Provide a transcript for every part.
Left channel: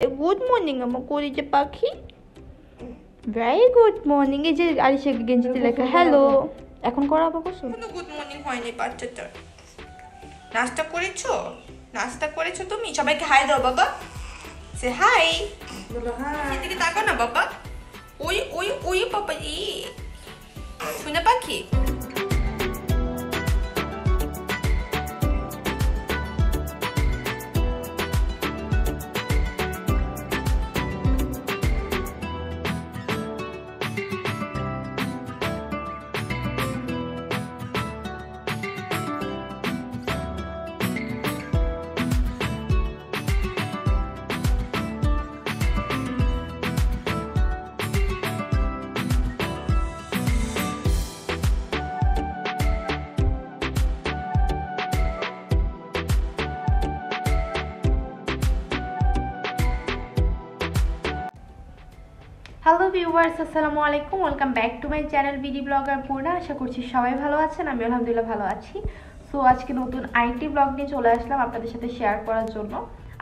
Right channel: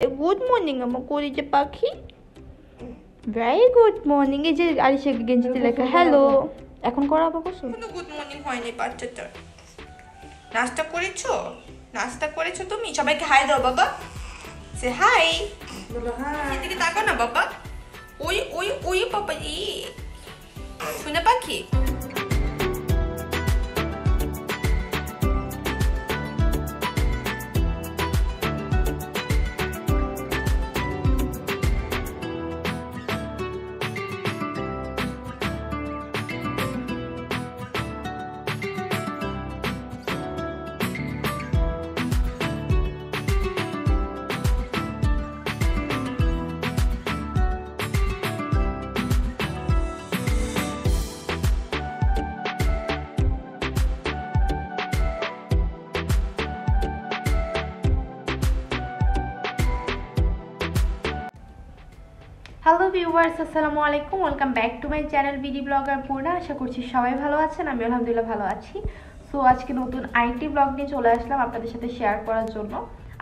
Good morning আমার কলিজা পাখি। Very good morning. এই যে আরিশা গেঞ্জিতে লেখা হ্যালো। এখন করাবো কসু? গুড মর্নিং হয়নি বাচ্চাটার। নাস্তা করেছো? নাস্তা করেছো তুমি? সবাইকে হাই দাও বাবা। সে হাই। বলো হাই। এদিকে তাকাও না বাবা। ওই ওই ওই বাবা ই। শুনে পাখি। হ্যালো ভিউয়ার্স, আসসালামু আলাইকুম। Welcome back to my channel BD blogger Purna. আশা করছি সবাই ভালো আছেন। আমি আলহামদুলিল্লাহ ভালো আছি। সো আজকে নতুন আইটি ব্লগ নিয়ে চলে আসলাম আপনাদের সাথে শেয়ার করার জন্য।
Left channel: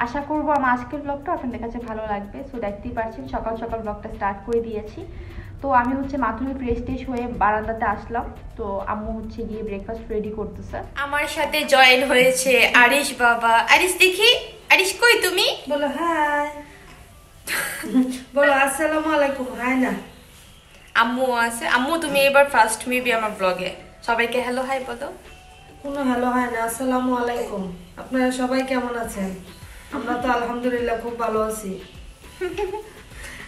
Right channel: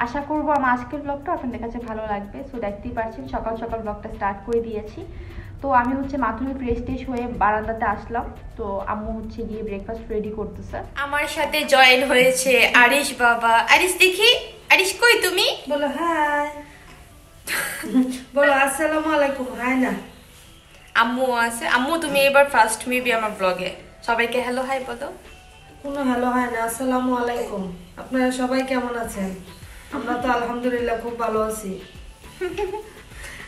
আশা করবো আমার আজকের ব্লগটা আপনাদের কাছে ভালো লাগবে। সো দেখতেই পাচ্ছেন সকাল সকাল ব্লগটা স্টার্ট করে দিয়েছি। তো আমি হচ্ছে মাথুরি ফ্রেশ টেশ হয়ে বারান্দাতে আসলাম। তো আম্মু হচ্ছে গিয়ে ব্রেকফাস্ট রেডি করতেছে। আমার সাথে জয়েন হয়েছে আরিশ বাবা। আরিশ দেখি, আরিশ কই তুমি? বলো হাই। বলো আসসালামু আলাইকুম। হাই না, আম্মু আছে। আম্মু তুমি এবার ফার্স্ট মেবি আমার ব্লগে। সবাইকে হ্যালো হাই বলো। কোনো হ্যালো হাই না, আসসালামু আলাইকুম। আপনারা সবাই কেমন আছেন? আমরা তো আলহামদুলিল্লাহ খুব ভালো আছি।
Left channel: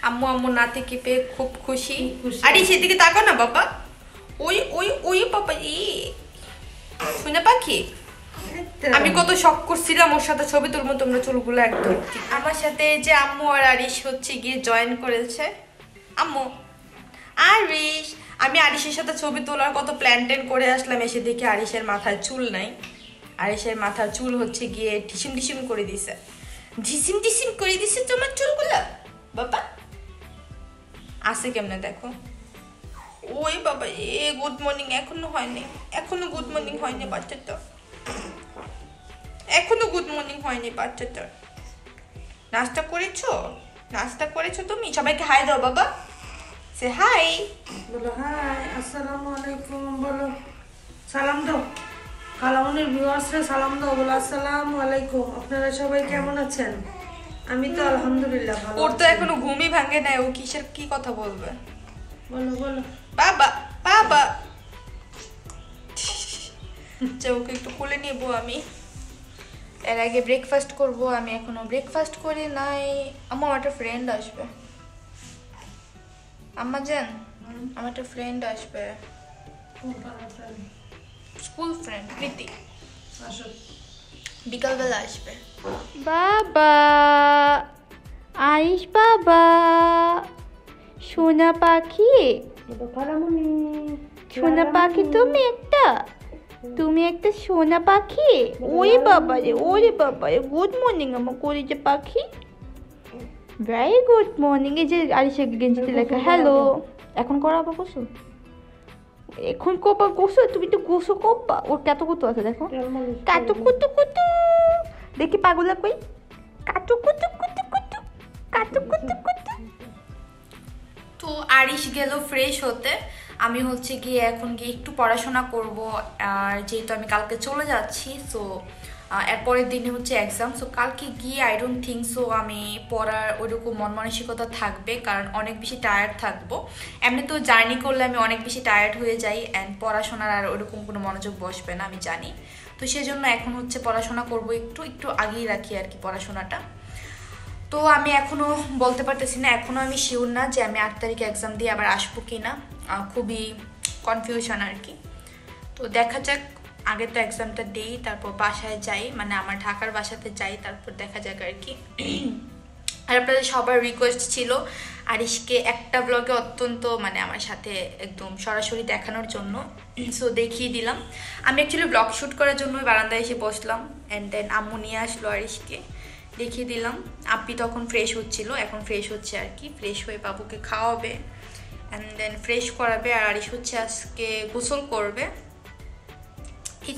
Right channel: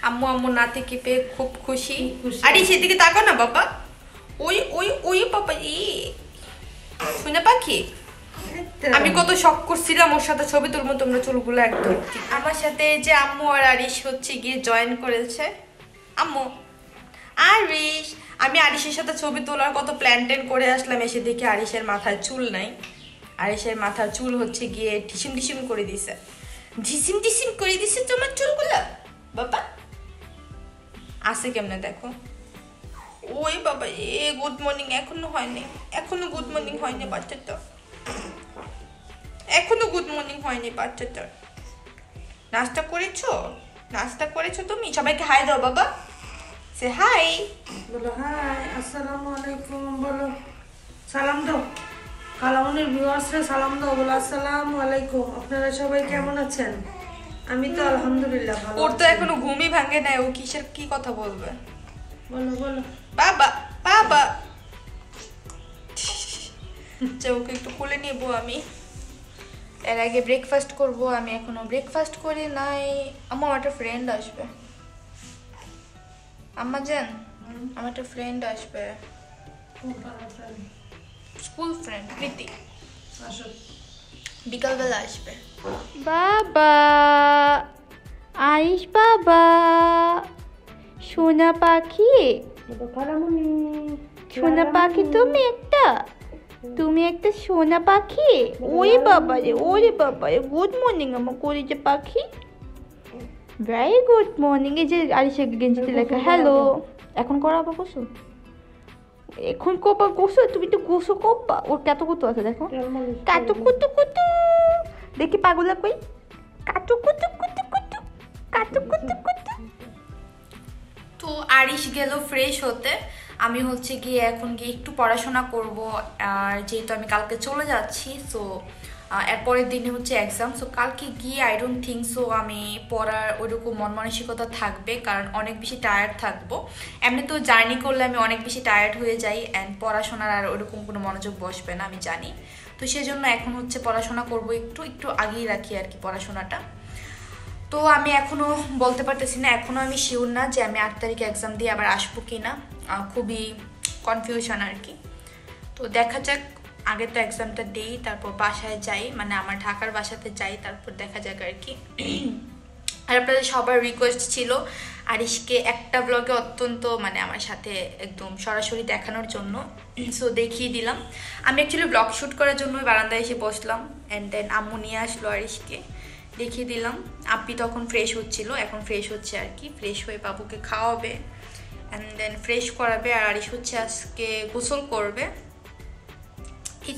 আম্মু আম্মু নাতিকে পেয়ে খুব খুশি। আরে সেদিকে তাকাও না বাবা। ওই ওই ওই বাবা ই। শুনে পাখি। আমি কত শখ করছিলাম ওর সাথে ছবি তুলবো, তোমরা চুলগুলো একদম। আমার সাথে যে আম্মু আর আরিশ হচ্ছে গিয়ে জয়েন করেছে। আম্মু আরিশ, আমি আরিশের সাথে ছবি তোলার কত প্ল্যান ট্যান করে আসলাম, এসে দেখি আরিশের মাথায় চুল নাই। আরিশের মাথার চুল হচ্ছে গিয়ে ঢিসিম ঢিসিম করে দিছে। ঢিসিম ঢিসিম করে দিছে তোমার চুলগুলো বাবা। আসে কেমনে দেখো। ওই বাবা এ গুড মর্নিং এখনো হয়নি, এখনো গুড মর্নিং হয়নি বাচ্চাটা, এখনো গুড মর্নিং হয়নি বাচ্চাটার। নাস্তা করেছো? নাস্তা করেছো তুমি? সবাইকে হাই দাও বাবা। সে হাই। বলো হাই, আসসালামু আলাইকুম। বলো সালাম দাও, কালামনির ভিউয়ার্সরা সালাম দাও। বলো আসসালামু আলাইকুম। আপনারা সবাই কেমন আছেন? আমি তো আলহামদুলিল্লাহ ভালো ওর তো আছি। এখনো ঘুমই ভাঙে নাই, ও কিসের কি কথা বলবে? বলো বলো বাবা বাবা। ওকে একটু কোলে নেবো আমি, এর আগে ব্রেকফাস্ট করব। আমি এখনো ব্রেকফাস্ট করি নাই। আমার একটা ফ্রেন্ড আসবে। আম্মা জান, আমার একটা ফ্রেন্ড আসবে, স্কুল ফ্রেন্ড প্রীতি। আসো। বিকালবেলা আসবে। বাবা আরিশ বাবা, সোনা পাখি। বলো কালামনি। সোনা পাখি তুমি একটা সোনা পাখি। ওরে বাবা রে, ওরে বাবা রে। গুড মর্নিং আমার কলিজা পাখি। Very good morning. এই যে আরিশা গেঞ্জিতে লেখা হ্যালো। এখন করাবো কসু? এখন কবা গোসো? তুমি তো গোসো কবা। ওর কত কুতু আছে দেখো, কাটু কুতু কুতু। দেখি পাগলা কই, কাটু কুতু কুতু কুতু, কাটু কুতু কুতু। তো আরিশ গেল ফ্রেশ হতে। আমি হচ্ছে গিয়ে এখন গিয়ে একটু পড়াশোনা করব। আর যেহেতু আমি কালকে চলে যাচ্ছি, সো এরপরের দিনে হচ্ছে এক্সাম। সো কালকে গিয়ে আই ডোন্ট থিঙ্ক সো আমি পড়ার ওইরকম মন মানসিকতা থাকবে, কারণ অনেক বেশি টায়ার্ড থাকবো। এমনি তো জার্নি করলে আমি অনেক বেশি টায়ার্ড হয়ে যাই, অ্যান্ড পড়াশোনার আর ওইরকম কোনো মনোযোগ বসবে না, আমি জানি। তো সেজন্য এখন হচ্ছে পড়াশোনা করব, একটু একটু আগেই রাখি আর কি পড়াশোনাটা। তো আমি এখনো বলতে পারতেছি না, এখনো আমি শিওর না যে আমি 8 তারিখে এক্সাম দিয়ে আবার আসবো কিনা। খুবই কনফিউশন আর কি। তো দেখা যাক, আগে তো এক্সামটা দিই, তারপর বাসায় যাই, মানে আমার ঢাকার বাসাতে যাই, তারপর দেখা যাক আর কি। আর আপনাদের সবার রিকোয়েস্ট ছিল আরিশকে একটা ব্লগে অত্যন্ত মানে আমার সাথে একদম সরাসরি দেখানোর জন্য। সো দেখিয়ে দিলাম। আমি অ্যাকচুয়ালি ব্লগ শ্যুট করার জন্য বারান্দায় এসে বসলাম, অ্যান্ড দেন আম্মু নিয়ে আসলো আরিশকে, দেখিয়ে দিলাম। আপনি তখন ফ্রেশ হচ্ছিল, এখন ফ্রেশ হচ্ছে আর কি। ফ্রেশ হয়ে বাবুকে খাওয়াবে, অ্যান্ড দেন ফ্রেশ করাবে। আর আরিশ হচ্ছে আজকে গোসল করবে।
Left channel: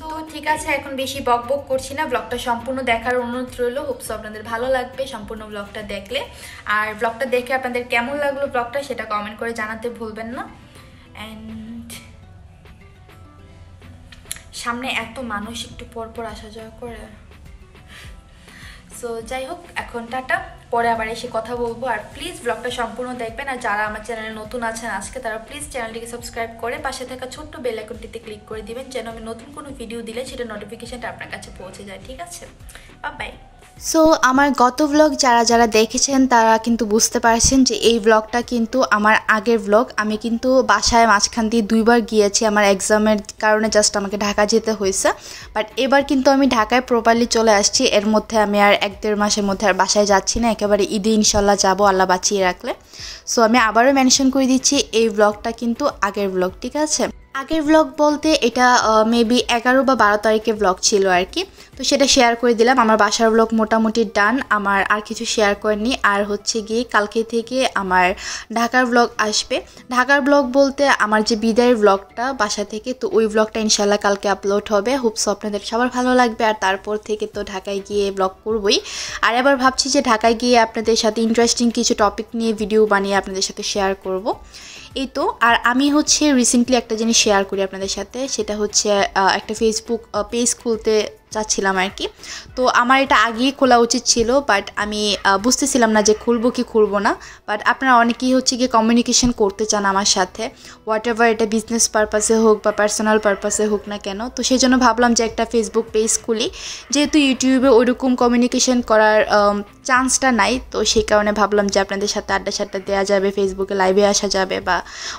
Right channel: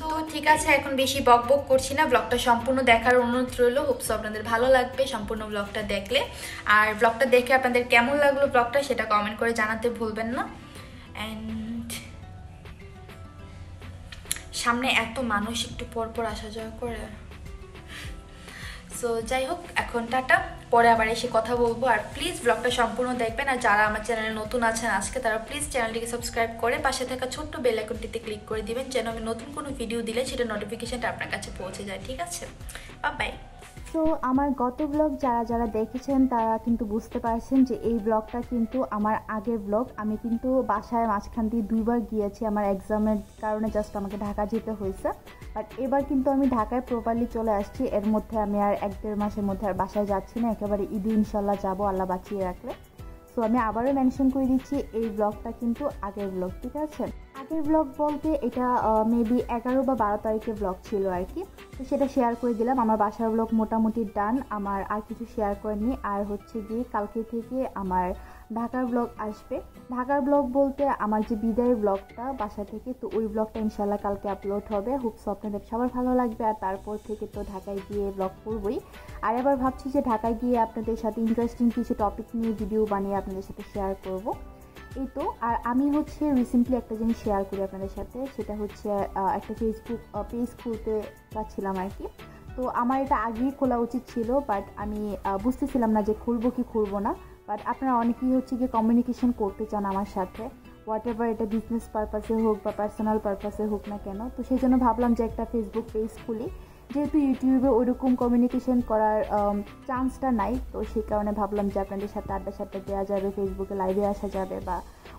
তো ঠিক আছে, এখন বেশি বক বক করছি না, ব্লগটা সম্পূর্ণ দেখার অনুরোধ রইল। হোপস আপনাদের ভালো লাগবে সম্পূর্ণ ব্লগটা দেখলে। আর ব্লগটা দেখে আপনাদের কেমন লাগলো ব্লগটা সেটা কমেন্ট করে জানাতে ভুলবেন না। অ্যান্ড সামনে এত মানুষ একটু পর আসা যাওয়া করে, সো যাই হোক এখন টাটা, পরে আবার এসে কথা বলবো। আর প্লিজ ব্লগটা সম্পূর্ণ দেখবেন। আর যারা আমার চ্যানেলে নতুন আছেন আজকে, তারা প্লিজ চ্যানেলটিকে সাবস্ক্রাইব করে পাশে থাকা ছোট্ট বেল আইকনটিতে ক্লিক করে দিবেন, যেন আমি নতুন কোনো ভিডিও দিলে সেটা নোটিফিকেশনটা আপনার কাছে পৌঁছে যায়। ঠিক আছে, বাই। সো আমার গত ব্লগ যারা দেখেছেন তারা কিন্তু বুঝতে পারছেন যে এই ব্লগটা কিন্তু আমার আগের ব্লগ। আমি কিন্তু বাসায় মাঝখান দিয়ে 2 বার গিয়েছি আমার এক্সামের কারণে, জাস্ট আমাকে ঢাকা যেতে হয়েছে। বাট এবার কিন্তু আমি ঢাকায় প্রপারলি চলে আসছি। এর মধ্যে আমি আর 1-1.5 মাসের মধ্যে আর বাসায় যাচ্ছি না, একেবারে ঈদে ইনশাল্লাহ যাবো, আল্লাহ বাঁচিয়ে রাখলে। সো আমি আবারও মেনশন করে দিচ্ছি এই ব্লগটা কিন্তু আগের ব্লগ, ঠিক আছে। আগের ব্লগ বলতে এটা মেবি 11 বা 12 তারিখের ব্লগ ছিল আর কি। তো সেটা শেয়ার করে দিলাম। আমার বাসার ব্লগ মোটামুটি ডান, আমার আর কিছু শেয়ার করেনি। আর হচ্ছে গিয়ে কালকে থেকে আমার ঢাকার ব্লগ আসবে। ঢাকার ব্লগ বলতে আমার যে বিদায়ের ব্লগটা বাসা থেকে, তো ওই ব্লগটা ইনশাল্লাহ কালকে আপলোড হবে। হোপস আপনাদের সবার ভালো লাগবে। আর তারপর থেকে তো ঢাকায় গিয়ে ব্লগ করবই। আর এবার ভাবছি যে ঢাকায় গিয়ে আপনাদের সাথে ইন্টারেস্টিং কিছু টপিক নিয়ে ভিডিও বানিয়ে আপনাদের সাথে শেয়ার করব, এই তো। আর আমি হচ্ছে রিসেন্টলি একটা জিনিস শেয়ার করি আপনাদের সাথে, সেটা হচ্ছে একটা ফেসবুক পেজ খুলতে চাচ্ছিলাম আর কি। তো আমার এটা আগেই খোলা উচিত ছিল, বাট আমি বুঝতেছিলাম না যে খুলবো কি খুলবো না। বাট আপনারা অনেকেই হচ্ছে গিয়ে কমিউনিকেশন করতে চান আমার সাথে, হোয়াট এভার, এটা বিজনেস পারপাসে হোক বা পার্সোনাল পারপাসে হোক না কেন। তো সেই জন্য ভাবলাম যে একটা ফেসবুক পেজ খুলি, যেহেতু ইউটিউবে ওইরকম কমিউনিকেশন করার চান্সটা নাই। তো সেই কারণে ভাবলাম যে আপনাদের সাথে আড্ডা দেওয়া যাবে, ফেসবুকে লাইভে আসা যাবে বা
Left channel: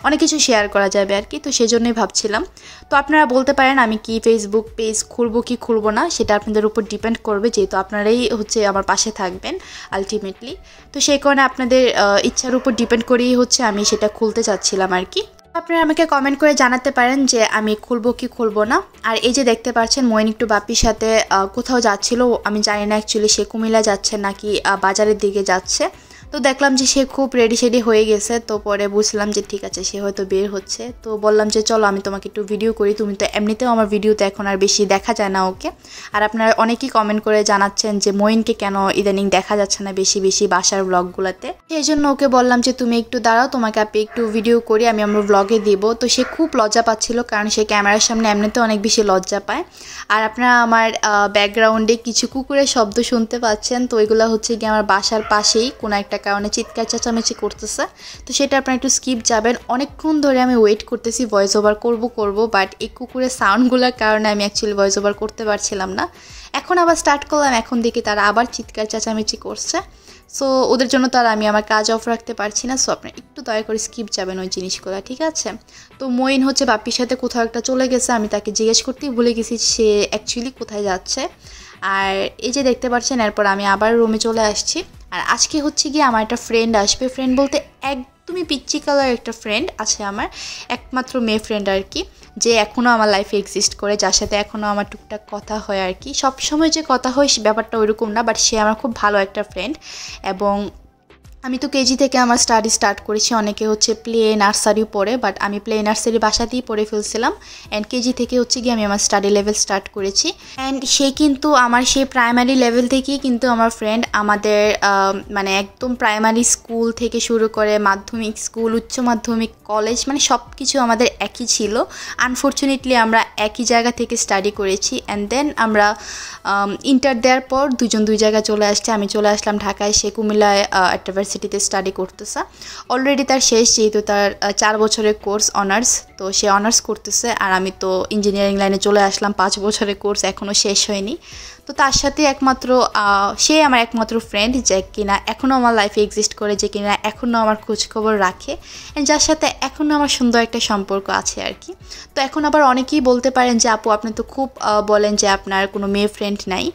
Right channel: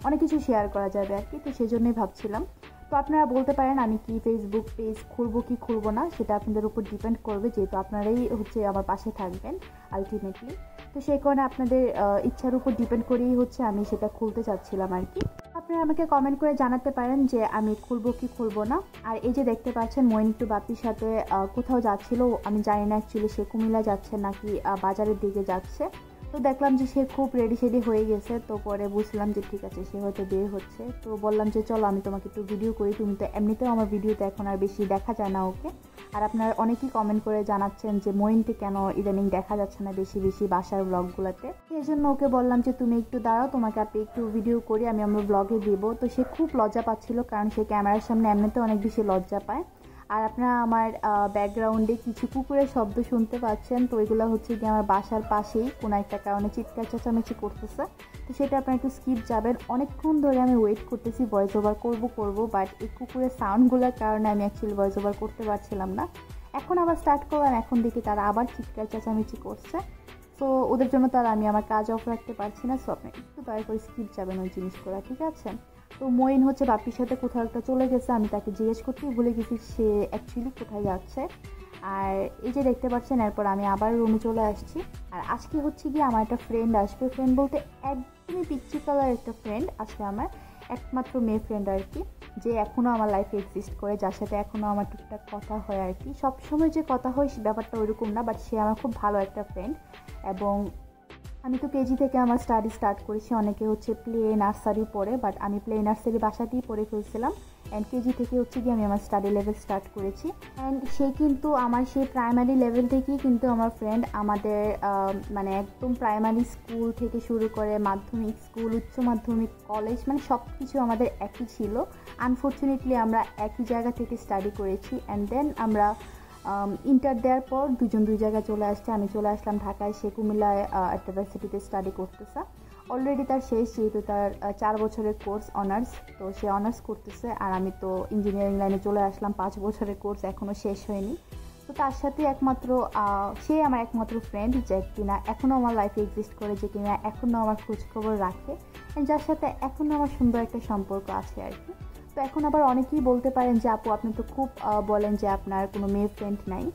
অনেক কিছু শেয়ার করা যাবে আর কি। তো সেই জন্যই ভাবছিলাম। তো আপনারা বলতে পারেন আমি কি ফেসবুক পেজ খুলবো কি খুলবো না, সেটা আপনাদের উপর ডিপেন্ড করবে, যেহেতু আপনারাই হচ্ছে আমার পাশে থাকবেন আলটিমেটলি। তো সেই কারণে আপনাদের ইচ্ছার উপর ডিপেন্ড করেই হচ্ছে আমি সেটা খুলতে চাচ্ছিলাম আর কি। আপনারা আমাকে কমেন্ট করে জানাতে পারেন যে আমি খুলবো কি খুলবো না। আর এই যে দেখতে পাচ্ছেন মইন একটু বাপির সাথে কোথাও যাচ্ছিল, আমি জানি না অ্যাকচুয়ালি সে কুমিল্লা যাচ্ছে নাকি বাজারের দিকে যাচ্ছে। তো দেখলাম যে সে খুব রেডি হয়ে গেছে। তো পরে বুঝলাম যে ঠিক আছে সে হয়তো বের হচ্ছে। তো বললাম যে চলো আমি তোমাকে একটু ভিডিও করি, তুমি তো এমনিতেও আমার ভিডিওতে এখন আর বেশি দেখা যায় না ওকে। আর আপনারা অনেকেই কমেন্ট করে জানাচ্ছেন যে মইনকে কেন ইদানিং দেখা যাচ্ছে না বেশি বাসার ব্লগগুলোতে। সেই জন্য ওকে বললাম যে তুমি একটু দাঁড়াও, তোমাকে আপনি একটু ভিডিও করি, আমি আমার ব্লগে দিব। তো সে খুব লজ্জা পাচ্ছিল, কারণ সে ক্যামেরার সামনে এমনিতে অনেক বেশি লজ্জা পায়। আর আপনারা আমার ব্যাকগ্রাউন্ডে কিছু কুকুরের শব্দ শুনতে পাচ্ছেন। তো এগুলো হচ্ছে গিয়ে আমার বাসার পাশেই কোনো একটা কারণে চিৎকার চেঁচামেচি করতেছে। তো সেটা আপনারা একটু স্কিপ যাবেন। অনেকক্ষণ ধরে আমি ওয়েট করতেছি ভয়েস ওভার করব, বাট এই কুকুরের সাউন্ডগুলোর কারণে আমি অ্যাকচুয়ালি ভয়েস ওভার করতে পারছিলাম না। এখন আবার স্টার্ট করলাম, এখন দেখি তারা আবার চিৎকার চেঁচামেচি করছে। সো ওদের জন্য তো আর আমি আমার কাজ অফ রাখতে পারছি না। সো আপনারা একটু দয়া করে স্কিপ যাবেন ওই জিনিসগুলো, ঠিক আছে। তো মইন হচ্ছে বাপির সাথে কোথাও একটা চলে গেছে, আমি তাকে জিজ্ঞেস করতেই ভুলে গেছি সে অ্যাকচুয়ালি কোথায় যাচ্ছে। আর এই যে দেখতে পাচ্ছেন এরপর আমি আবার রুমে চলে আসছি। আর আজকে হচ্ছে গিয়ে আমার একটা ফ্রেন্ড আসবে, ফ্রেন্ড বলতে একদমই পিচ্চি কালার একটা ফ্রেন্ড আছে আমার, একমাত্র মেয়ে ফ্রেন্ড আর কি, যে এখনও আমার লাইফে এক্সিস্ট করে, যার সাথে এখনও আমার টুকটাক কথা হয় আর কি। সবসময় যে কথা হয় ব্যাপারটা ওইরকম না, বাট সে আমার খুব ভালো একটা ফ্রেন্ড। এবং আমি তো কেজি থেকে আমার স্টাডি স্টার্ট করেছি, অনেকে হচ্ছে প্লে নার্সারি পড়ে, বাট আমি প্লে নার্সারি বাসাতেই পড়ে ফেলছিলাম। অ্যান্ড কেজি থেকে হচ্ছে গিয়ে আমি আমার স্টাডি লেভেল স্টার্ট করেছি। অ্যান্ড সে কিন্তু আমার সেই প্রাইমারি লেভেল থেকেই কিন্তু আমার ফ্রেন্ড। আমাদের মানে একদম প্রাইমারি স্কুল থেকে শুরু করে মাধ্যমিক স্কুল, উচ্চ মাধ্যমিক, কলেজ, মানে সব কিছু আমাদের একই ছিল। আনফর্চুনেটলি আমরা একই জায়গা থেকে স্টাডি করেছি। অ্যান্ড দেন আমরা ইন্টার দেওয়ার পর দুজন দুই জায়গায় চলে আসছে। আমি চলে আসলাম ঢাকায়, সে কুমিল্লায় একটা ইউনিভার্সিটিতে স্টাডি করতেছে। অলরেডি তার শেষ, যেহেতু তার 4 বছরের কোর্স অনার্স, তো সে অনার্স করতেছে। আর আমি তো ইঞ্জিনিয়ারিং লাইনে চলে আসলাম, 5 বছরের কোর্স এখনও শেষ হয়নি। তো তার সাথে সে আমার একমাত্র ফ্রেন্ড, যে কিনা এখনও আমার লাইফে এক্সিস্ট করে, যে কিনা এখনও আমার খোঁজখবর রাখে, যার সাথে এখনও আমার সুন্দর একটা সম্পর্ক আছে আর কি। তো এখন আবার অনেকেই বলতে পারেন যে আপু আপনি তো খুব বলেন যে আপনার কোনো মেয়ে ফ্রেন্ড নাই।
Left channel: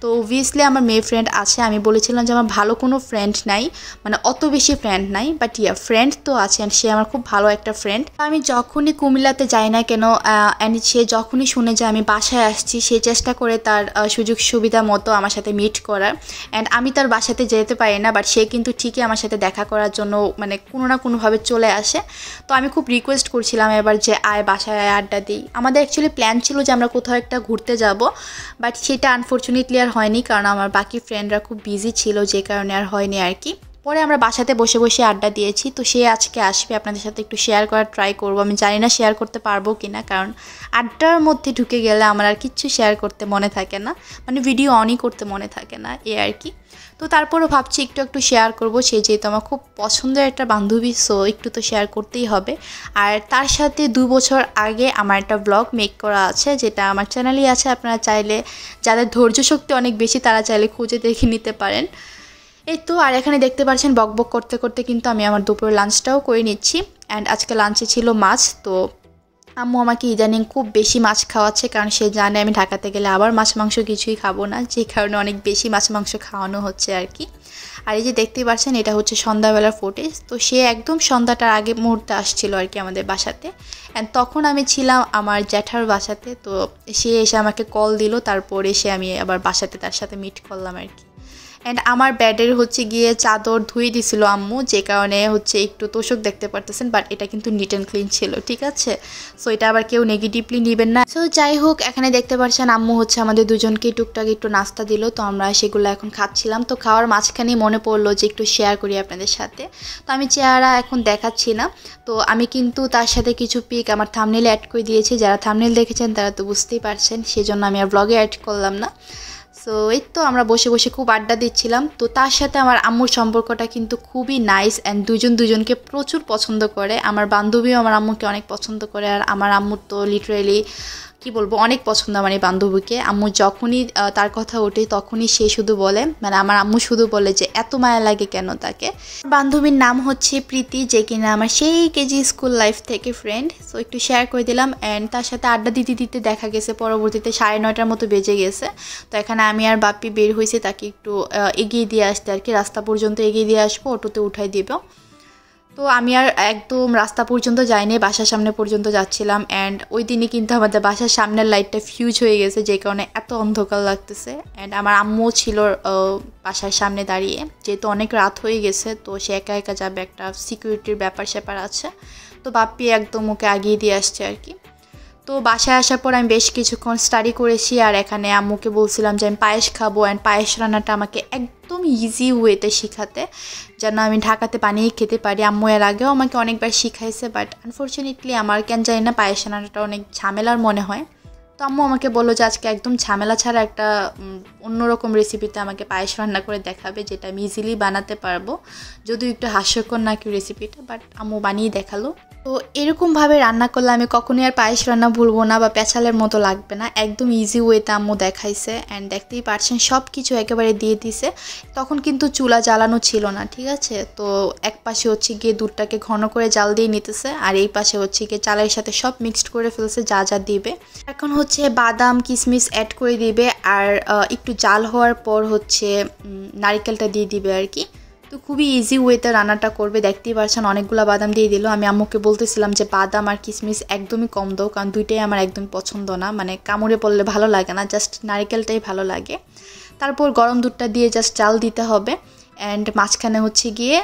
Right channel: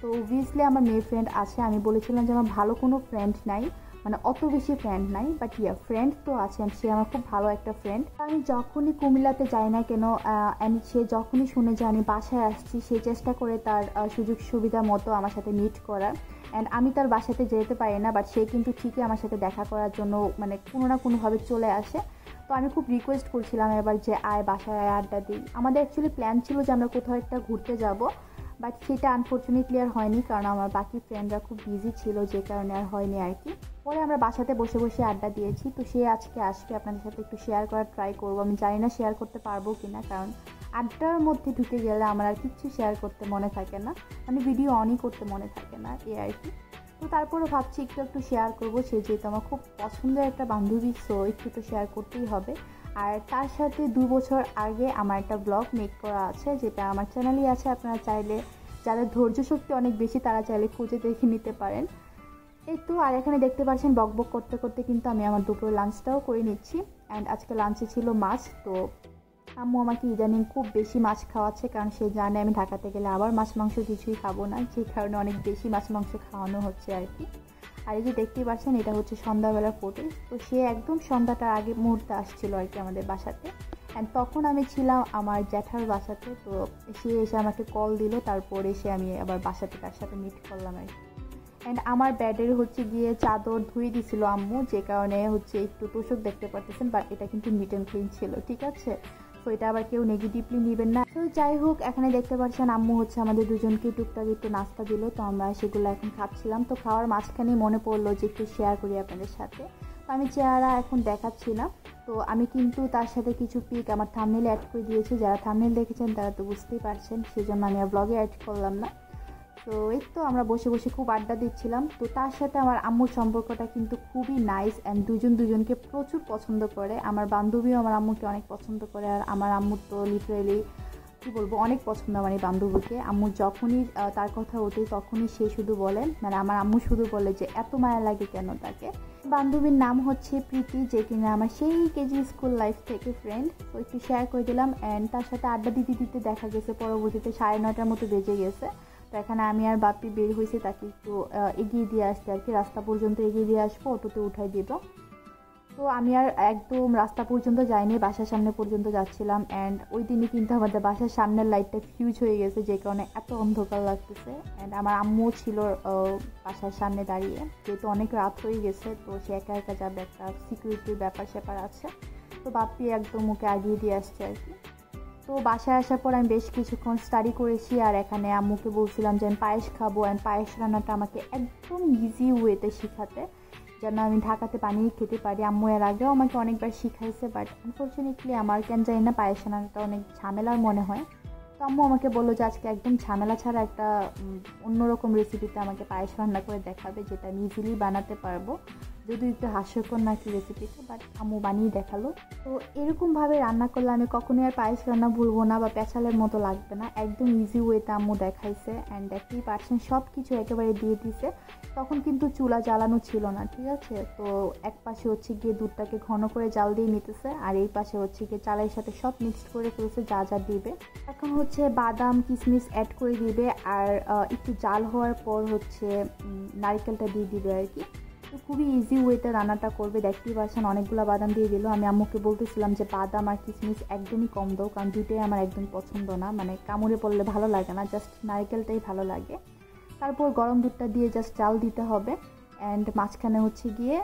তো অবভিয়াসলি আমার মেয়ে ফ্রেন্ড আছে, আমি বলেছিলাম যে আমার ভালো কোনো ফ্রেন্ড নাই, মানে অত বেশি ফ্রেন্ড নাই, বাট ফ্রেন্ড তো আছে অ্যান্ড সে আমার খুব ভালো একটা ফ্রেন্ড। আমি যখনই কুমিল্লাতে যাই না কেন অ্যান্ড সে যখনই শুনে যে আমি বাসায় আসছি, সে চেষ্টা করে তার সুযোগ সুবিধা মতো আমার সাথে মিট করার। অ্যান্ড আমি তার বাসাতে যেতে পারি না, বাট সে কিন্তু ঠিকই আমার সাথে দেখা করার জন্য মানে কোনো না কোনোভাবে চলে আসে। তো আমি খুব রিকোয়েস্ট করছিলাম এবার যে আয় বাসায় আড্ডা দিই। আমাদের অ্যাকচুয়ালি প্ল্যান ছিল যে আমরা কোথাও একটা ঘুরতে যাব, বাট সেটা আনফর্চুনেটলি আর হয়নি, কারণ আমার বাকি ফ্রেন্ডরা খুব বিজি ছিল, যে কারণে আর হয়নি আর কি। পরে আমরা বাসাতে বসে বসে আড্ডা দিয়েছি। তো সে আজকে আসবে, আপনাদের সাথে একটু শেয়ার করার ট্রাই করব। আমি জানি না শেয়ার করতে পারবো কি না, কারণ আড্ডার মধ্যে ঢুকে গেলে আমার আর কিচ্ছু শেয়ার করতে মনে থাকে না, মানে ভিডিও অনই করতে মনে থাকে না এই আর কি। তো তারপরও ভাবছি একটু শেয়ার করব, সে যেহেতু আমার খুব পছন্দের একটা বান্ধবী, সো একটু তো শেয়ার করতেই হবে। আর তার সাথে 2 বছর আগে আমার একটা ব্লগ মেক করা আছে, যেটা আমার চ্যানেলেই আছে, আপনারা চাইলে, যাদের ধৈর্য শক্তি অনেক বেশি তারা চাইলে খুঁজে দেখে নিতে পারেন। এই তো, আর এখানে দেখতে পাচ্ছেন বকবক করতে করতে কিন্তু আমি আমার দুপুরের লাঞ্চটাও করে নিচ্ছি। অ্যান্ড আজকে লাঞ্চে ছিল মাছ। তো আম্মু আমাকে ইদানিং খুব বেশি মাছ খাওয়াচ্ছে, কারণ সে জানে আমি ঢাকাতে গেলে আবার মাছ মাংস কিছুই খাবো না, যে কারণে অনেক বেশি মাছ মাংস খাওয়ানো হচ্ছে আর কি। আর এই যে দেখতেই পাচ্ছেন এটা হচ্ছে সন্ধ্যাবেলার ফুটেজ। তো সে একদম সন্ধ্যাটার আগে মুহূর্তে আসছিল আর কি আমাদের বাসাতে, অ্যান্ড তখন আমি ছিলাম আমার জ্যাঠার বাসাতে। তো সে এসে আমাকে কল দিল, তারপর এসে আমি আবার বাসাতে তার সাথে মিট করলাম আর কি। অ্যান্ড আমার বেডের হচ্ছে গিয়ে চাদর ধুয়ে দিছিল আম্মু, যে কারণে হচ্ছে একটু তোষক দেখতে পারতেছেন, বাট এটা কিন্তু নিট অ্যান্ড ক্লিন ছিল, ঠিক আছে। সো এটা আবার কেউ নেগেটিভলি নেবেন না। সো যাই হোক, এখানে দেখতে পাচ্ছেন আম্মু হচ্ছে আমাদের দুজনকে টুকটাক একটু নাস্তা দিল, তো আমরা সেগুলো এখন খাচ্ছিলাম। তো খাওয়ার মাঝখানেই মনে পড়লো যে একটু শেয়ার করি আপনাদের সাথে। তো আমি চেহারা এখন দেখাচ্ছি না, তো আমি কিন্তু তার সাথে কিছু পিক আমার থাম্বনেইলে অ্যাড করে দিয়েছি। যারা থাম্বনেইল দেখেছেন তারা তো বুঝতেই পারছেন, সেজন্য আমি আর ব্লগে অ্যাড করলাম না। সো এই তো আমরা বসে বসে খুব আড্ডা দিচ্ছিলাম। তো তার সাথে আমার আম্মুর সম্পর্কটা কিন্তু খুবই নাইস, অ্যান্ড দুজনকে প্রচুর পছন্দ করে। আমার বান্ধবীও আমার আম্মুকে অনেক পছন্দ করে, আর আমার আম্মুর তো লিটারেলি কি বলবো, অনেক পছন্দ আমার এই বান্ধবীকে। আম্মু যখনই তার কথা ওঠে তখনই সে শুধু বলে, মানে আমার আম্মু শুধু বলে যে এত মায়া লাগে কেন তাকে। বান্ধবীর নাম হচ্ছে প্রীতি, যে কিনা আমার সেই কেজি স্কুল লাইফ থেকে ফ্রেন্ড। সো একটু শেয়ার করে দিলাম। অ্যান্ড তার সাথে আড্ডা দিতে দিতে দেখা গেছে পরবর্তীতে 9:30টার মতো বেজে গেছে। তো এখানে আমি আর বাপ্পি বের হয়েছে তাকে একটু এগিয়ে দিয়ে আসতে আর কি, রাস্তা পর্যন্ত এগিয়ে দিয়ে আসবো, অটোতে উঠাই দিব। তো আমি আর একদম রাস্তা পর্যন্ত যাইনি, বাসার সামনে পর্যন্ত যাচ্ছিলাম। অ্যান্ড ওই দিনই কিন্তু আমাদের বাসার সামনের লাইটটা ফিউজ হয়ে গেছে, যে কারণে এত অন্ধকার লাগতেছে। অ্যান্ড আমার আম্মু ছিল বাসার সামনে দাঁড়িয়ে, যেহেতু অনেক রাত হয়ে গেছে, তো সে একা একা যাবে, একটা সিকিউরিটির ব্যাপার স্যাপার আছে। তো বাপ্পি একদম ওকে আগিয়ে দিয়ে আসছে আর কি। তো বাসায় আসার পর আমি বেশ কিছুক্ষণ স্টাডি করেছি, আর এখানে আম্মুকে বলছিলাম যে আমি পায়েস খাবো, অ্যান্ড পায়েস রান্নাটা আমাকে একদম ইজি ওয়েতে শেখাতে, যেন আমি ঢাকাতে বানিয়ে খেতে পারি। আম্মু এর আগেও আমাকে অনেকবার শিখাইছে, বাট আনফর্চুনেটলি আমার কেন জানি না পায়েস রান্নাটা অনেক ঝামেলার মনে হয়। তো আম্মু আমাকে বললো যে আজকে একদম ঝামেলা ছাড়া একটা অন্যরকম রেসিপিতে আমাকে পায়েস রান্না করে দেখাবে, যেটা আমি ইজিলি বানাতে পারবো। যদিও একটু হাস্যকর নাকি রেসিপিটা, বাট আম্মু বানিয়ে দেখালো। তো এরকমভাবে রান্না করলে আমি কখনোই আর পায়েস রান্না ভুলবো না, বা পেঁচালের মতো লাগবে না। একদম ইজি ওয়েতে আম্মু দেখাইছে। অ্যান্ড দেখতেই পারছেন সব কিছু একেবারে দিয়ে দিছে। তখন কিন্তু চুলা জ্বালানো ছিল না, ঠিক আছে। তো এক পাশে হচ্ছে গিয়ে দুধটাকে ঘন করে জাল দিয়ে নিতেছে, আর এই পাশে হচ্ছে গিয়ে চালের সাথে সব মিক্সড করে ফেলছে যা যা দিবে। এখন হচ্ছে বাদাম কিশমিশ অ্যাড করে দিবে, আর একটু জাল হওয়ার পর হচ্ছে নারকেলটা দিয়ে দিবে আর কি। তো খুবই ইজি ওয়েতে রান্নাটা করবে। দেখতেই পাচ্ছেন অনেকগুলো বাদাম দিয়ে দিল। আমি আম্মুকে বলতেছিলাম যে বাদাম আর কিশমিশ একদমই কম দাও, কারণ দুইটাই আমার একদম পছন্দ না, মানে কামড়ে পড়লে ভালো লাগে না, জাস্ট নারকেলটাই ভালো লাগে। তারপর গরম দুধটা দিয়ে জাস্ট চাল দিতে হবে, অ্যান্ড মাঝখানে হচ্ছে গিয়ে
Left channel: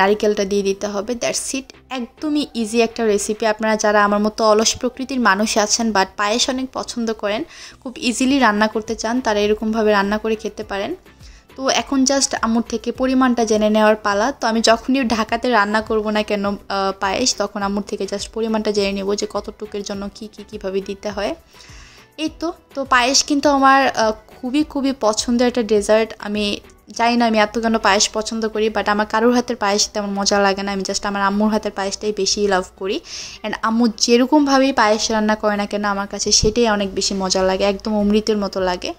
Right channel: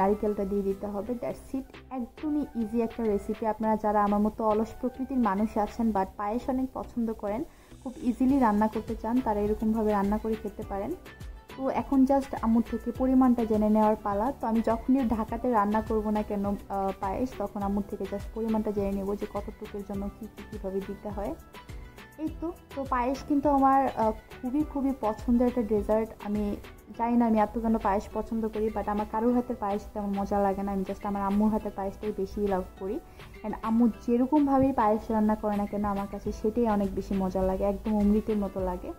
নারিকেলটা দিয়ে দিতে হবে। That's it. একদমই ইজি একটা রেসিপি। আপনারা যারা আমার মতো অলস প্রকৃতির মানুষ আছেন, বাট পায়েস অনেক পছন্দ করেন, খুব ইজিলি রান্না করতে চান, তারা এরকমভাবে রান্না করে খেতে পারেন। তো এখন জাস্ট আম্মুর থেকে পরিমাণটা জেনে নেওয়ার পালা। তো আমি যখনই ঢাকাতে রান্না করব না কেন পায়েস, তখন আম্মুর থেকে জাস্ট পরিমাণটা জেনে নেব যে কতটুকুর জন্য কীভাবে দিতে হয়। এই তো পায়েস কিন্তু আমার খুবই পছন্দের একটা ডেজার্ট। আমি জানি না আমি এত কেন পায়েস পছন্দ করি, বাট আমার কারোর হাতের পায়েস তেমন মজা লাগে না। আমি জাস্ট আমার আম্মুর হাতের পায়েসটাই বেশি লাভ করি। অ্যান্ড আম্মু যেরকমভাবেই পায়েস রান্না করে না কেন আমার কাছে সেটাই অনেক বেশি মজা লাগে, একদম অমৃতের মতো লাগে।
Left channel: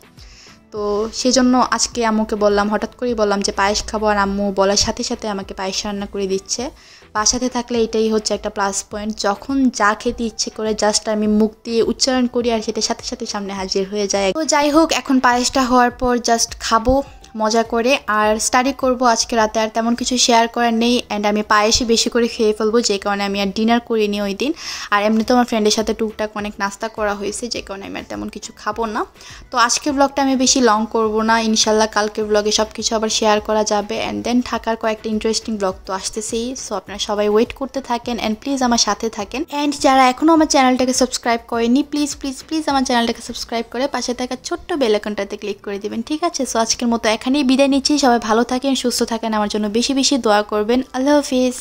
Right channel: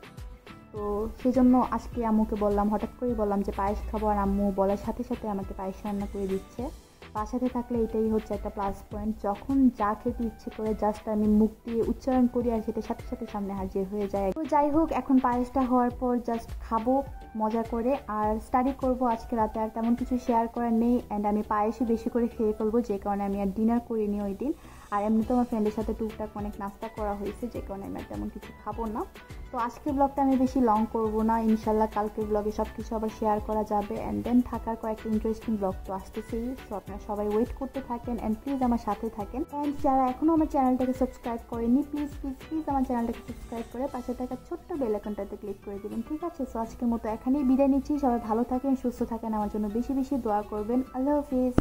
তো সেজন্য আজকে আম্মুকে বললাম, হঠাৎ করেই বললাম যে পায়েস খাবো, আর আম্মু বলার সাথে সাথে আমাকে পায়েস রান্না করে দিচ্ছে। বাসাতে থাকলে এটাই হচ্ছে একটা প্লাস পয়েন্ট, যখন যা খেতে ইচ্ছে করে জাস্ট আমি মুখ দিয়ে উচ্চারণ করি আর সেটা সাথে সাথে সামনে হাজির হয়ে যায়। তো যাই হোক, এখন পায়েসটা হওয়ার পর জাস্ট খাবো মজা করে, আর স্টাডি করব আজকে রাতে। আর তেমন কিছু শেয়ার করার নেই, অ্যান্ড আমি পায়েসই বেশি করে খেয়ে ফেলবো, যে কারণে আমি আর ডিনার করিনি ওই দিন। আর এমনি তো আমার ফ্রেন্ডের সাথে টুকটাক অনেক নাস্তা করা হয়েছে, যে কারণে আমি আর তেমন কিছু খাবো না। তো আজকের ব্লগটা আমি বেশি লং করব না, ইনশাল্লাহ কালকের ব্লগে সব কিছু আবার শেয়ার করা যাবে। অ্যান্ড দেন ঢাকার কয়েকটা ইন্টারেস্টিং ব্লগ তো আসতেছেই, সো আপনারা সবাই ওয়েট করতে থাকেন অ্যান্ড প্লিজ আমার সাথে থাকেন। অ্যান্ড যারা এখনও আমার চ্যানেলটাকে সাবস্ক্রাইব করেনি, প্লিজ প্লিজ প্লিজ আমার চ্যানেলটাকে সাবস্ক্রাইব করে পাশে থাকা ছোট্ট বেল আইকনটাতে ক্লিক করে দিবেন, ঠিক আছে? সো আজকের মতো এখানেই বিদায় নিচ্ছি। সবাই ভালো থাকেন, সুস্থ থাকেন, আমার জন্য বেশি বেশি দোয়া করবেন। আল্লাহ হাফিজ।